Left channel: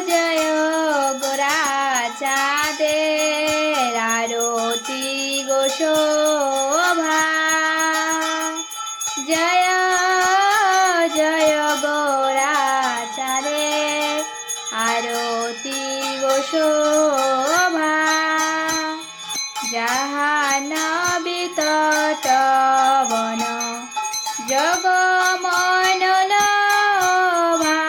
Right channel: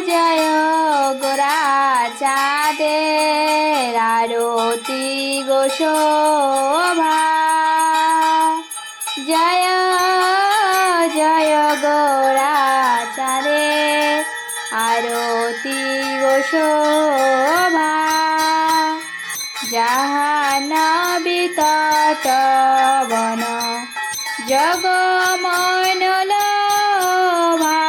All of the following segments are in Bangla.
জয় গোরা চাঁদের আরতি গো শোভা। জয় জয় গোরা চাঁদের আরতি গো শোভা। জাহ্নবী তট বন জগমন লোভা।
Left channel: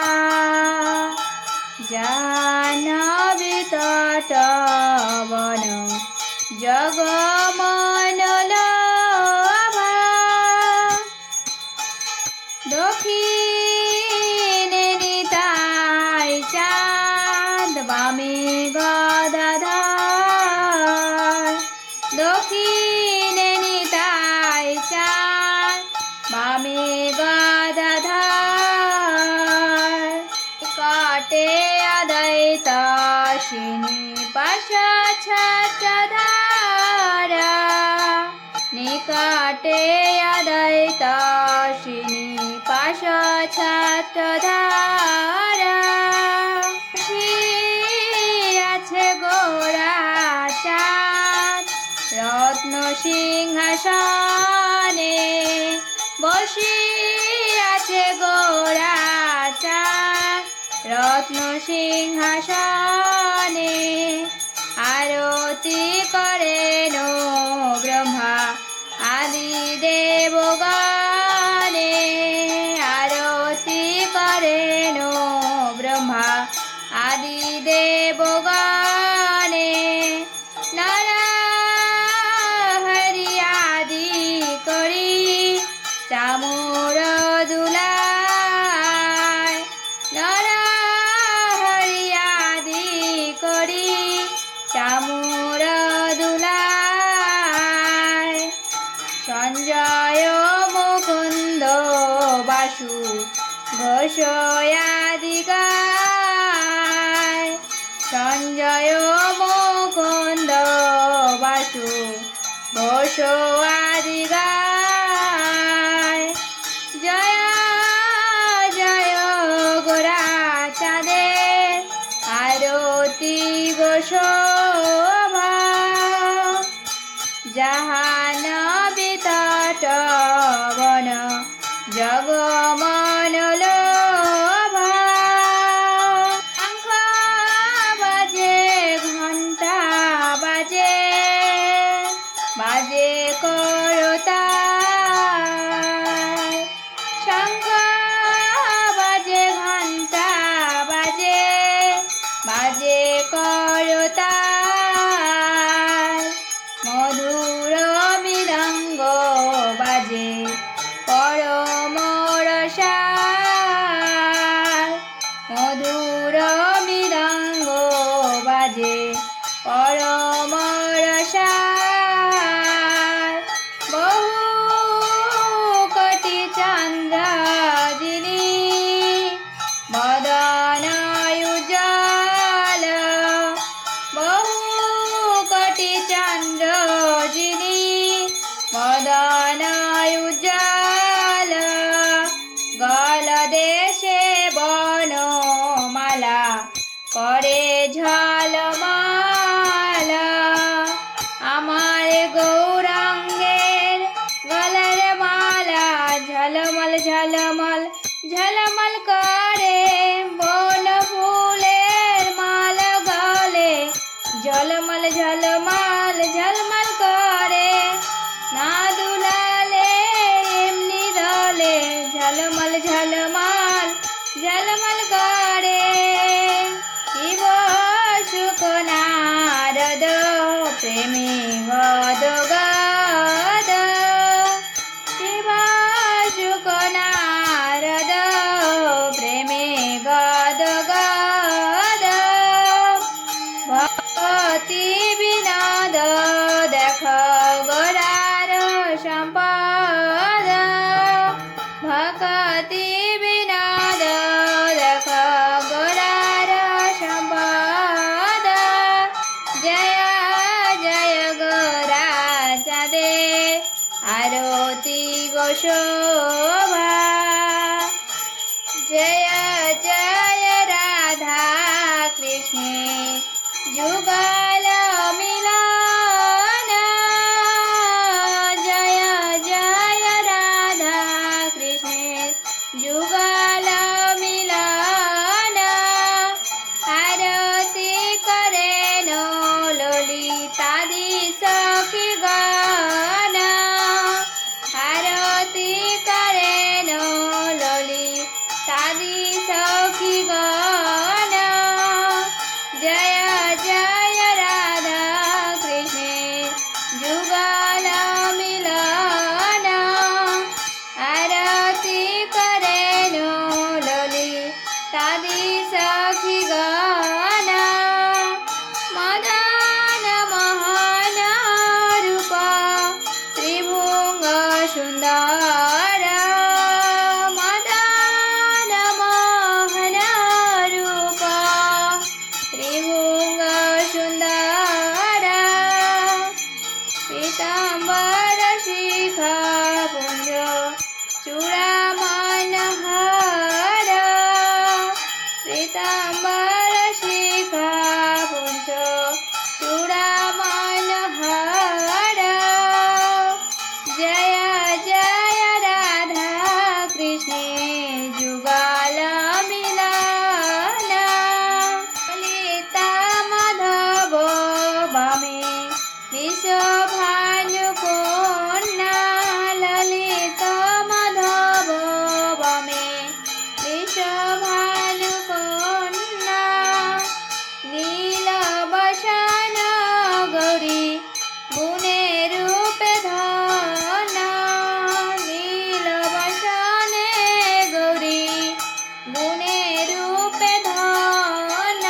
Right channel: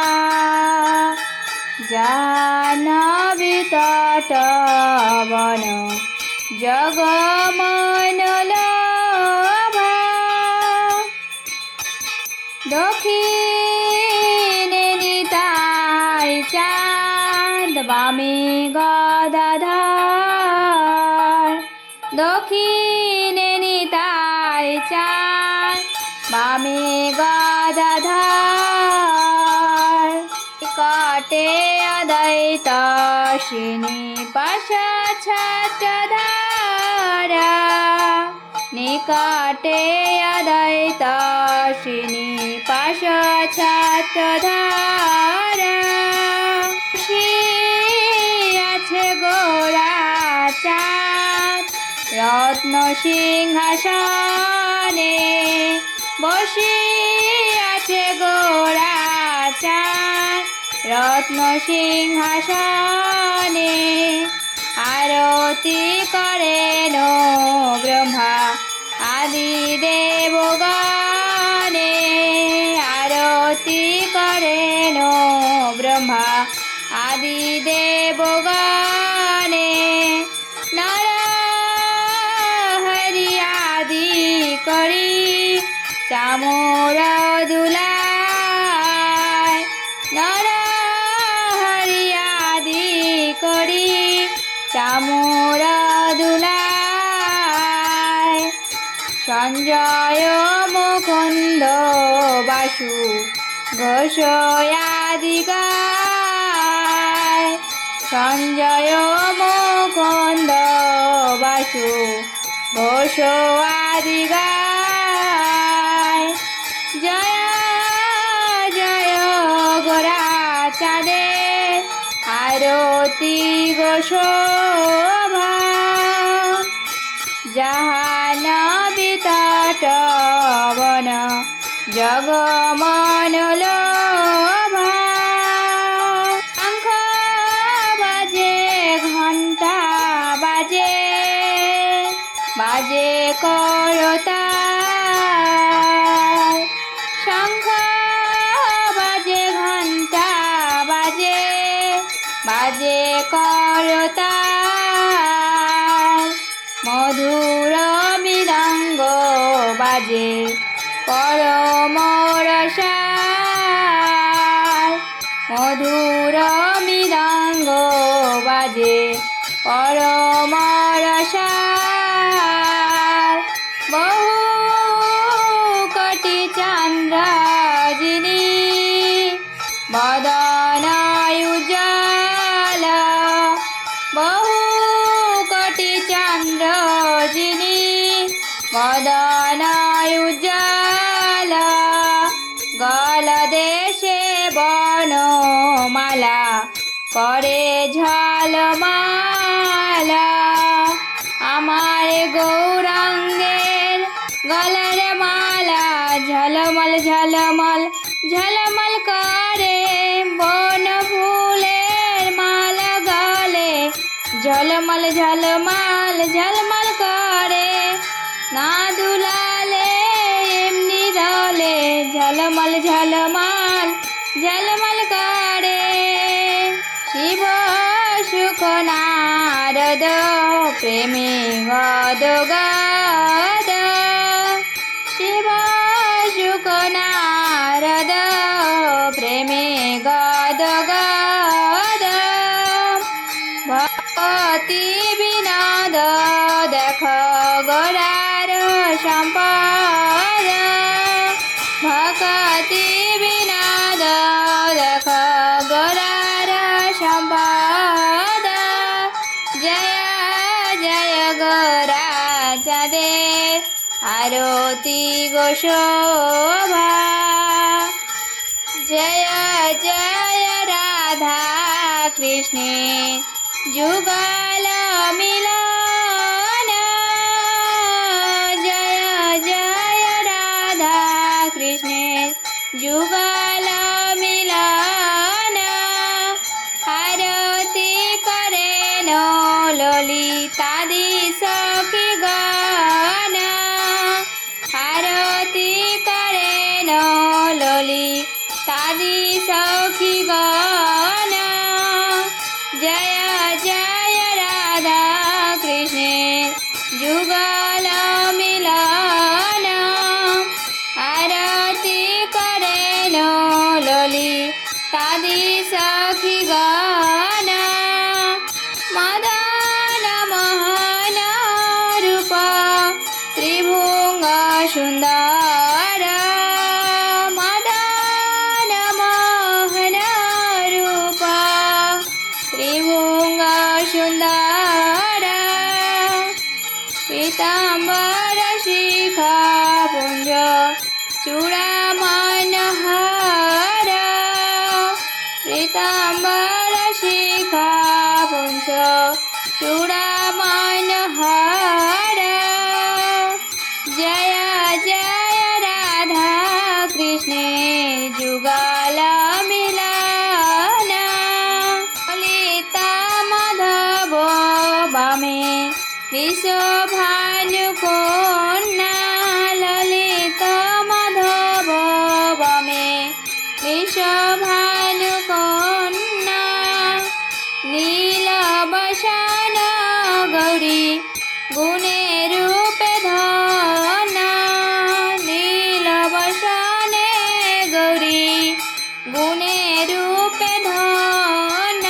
জাহ্নবী তট বন জগমন লোভা। দক্ষিণে নিতাই চাঁদ বামে গদাধর। দক্ষিণে নিতাই চাঁদ বামে গদাধর। নিকটে অদ্বৈত শ্রীনিবাস ছত্রধর। নিকটে অদ্বৈত শ্রীনিবাস ছত্রধর। আছে গোরা চাঁদ রত্ন সিংহাসনে। বসে আছে গোরা চাঁদ রত্ন সিংহাসনে। আরতি করেন ব্রহ্মা আদি দেবগণে। আরতি করেন ব্রহ্মা আদি দেবগণে। নর হরি আদি করি চামর দুলায়। নর হরি আদি করি চামর দুলায়। সঞ্জয় মুকুন্দ বাসু ঘোষ আদি গায়। সঞ্জয় মুকুন্দ বাসু ঘোষ আদি গায়। জয় জয় গোরা চাঁদের আরতি গো শোভা। জাহ্নবী তট বন জগমন লোভা। শঙ্খ বাজে ঘণ্টা বাজে বাজে করতাল। শঙ্খ বাজে ঘণ্টা বাজে বাজে করতাল। মধুর মৃদঙ্গ বাজে পরম রসাল। মধুর মৃদঙ্গ বাজে পরম রসাল। বহু কোটি চন্দ্র যিনি বদন উজ্জ্বল। বহু কোটি চন্দ্র যিনি বদন উজ্জ্বল। গলদেশে বনমালা করে ঝলমল। আমার গৌরাঙ্গের গলার মালা ঝলমল ঝলমল ঝলমল করে। বন ফুলের মালা গলে ঝলমল ঝলমল ঝলমল করে। না দুলালে এমনি দলে ঝলমল ঝলমল ঝলমল করে। শিব সুখ নারদ প্রেমে গদ গদ। শিব সুখ নারদ প্রেমে গদ গদ। ভক্তি বিনোদ দেখ গোরার সম্পদ। ভক্তি বিনোদ দেখ গোরার সম্পদ। জয় জয় গোরা চাঁদের আরতি গো শোভা। जय जय राधा कृष्णे जुगल मिलन जय जय राधा कृष्णे जुगल मिलन आरती करेन ललितादि सखी गण आरती करेन ललितादि सखी गण जय जय राधा कृष्णे जुगल मिलन आरती करेन ललितादि सखी गण मदन मोहन रूप त्रिभुंग सुंदर मदन मोहन रूप त्रिभुंग सुंदर पीताम्बर शिखा पुंज चूड़ामणि हार पीताम्बर शिखा पुंज चूड़ामणि हार जय जय राधा कृष्णे जुगल मिलन ललिता माधव बामे विश्वभानु कन्या ललिता माधव बामे विश्वभानु कन्या नीलबसन गौरी गुणे रूपे धन नीलबसन गौरी गुणे रूपे धन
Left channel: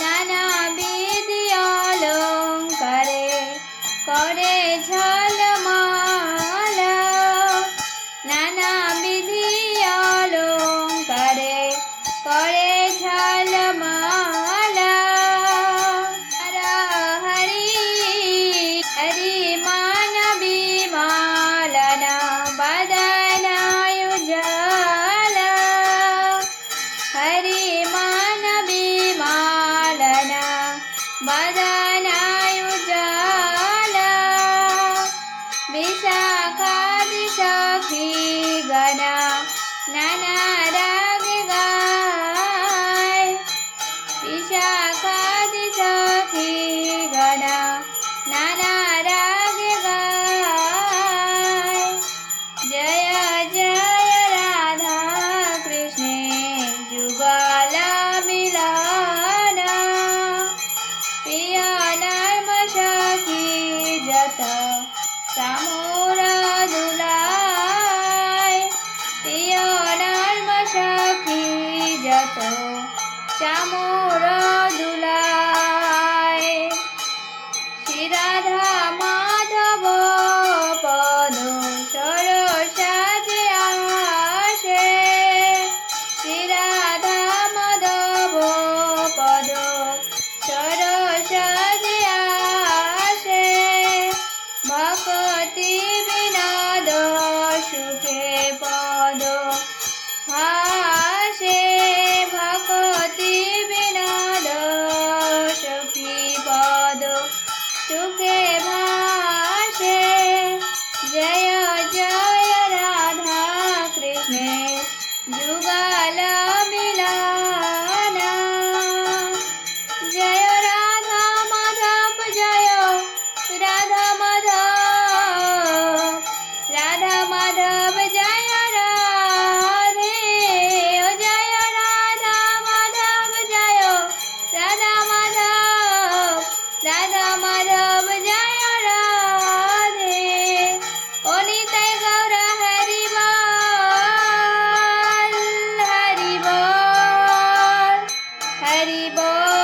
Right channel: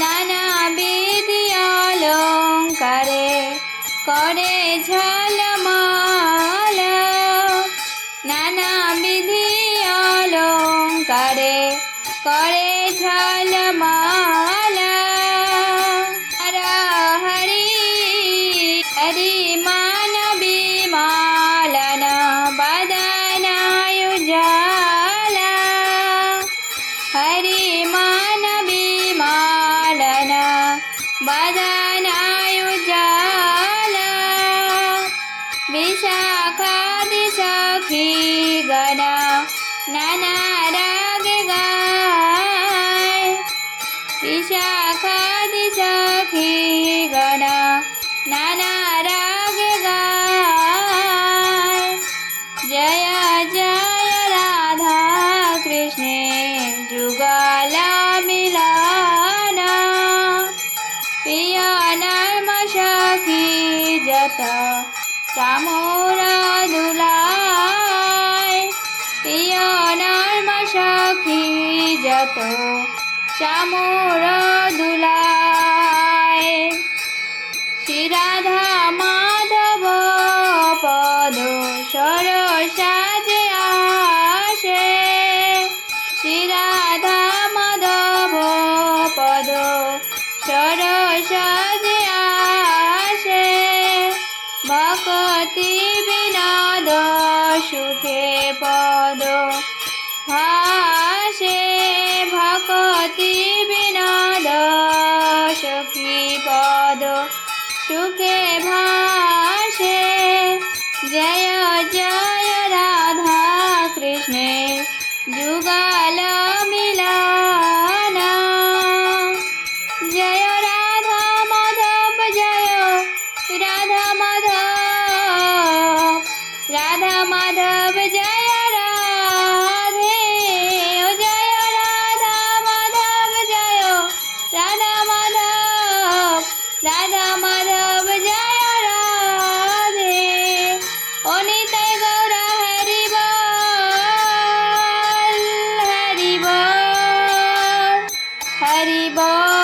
नाना विधि अलंकारे करे झलमल नाना विधि अलंकारे करे झलमल हर हरि हरि मानवी मालन बदनाय जल हरि मानवी मालन बदनाय जल विशाखादि सखी गण नाना राग गाय विशाखादि सखी गण नाना राग गाय जय जय राधा कृष्णे जुगल मिलन प्रिय नर्म सखी जत चामोर दुलाय प्रिय नर्म सखी जत चामोर दुलाय श्री राधा माधव पद सरसाज आशे श्री राधा माधव पद सरसाज आशे भक्ति विनोद सुखे पद भाषे भक्ति विनोद सुखी पद सुखे भाषे जय जय राधा कृष्णे जुगल मिलन जय राधा माधव जय राधा माधव राधा माधव जय राधे ओ जय राधा माधव जय राधा माधव राधा माधव जय राधे ओ निताय गौर हरि बोल हरि बोल हरि बोल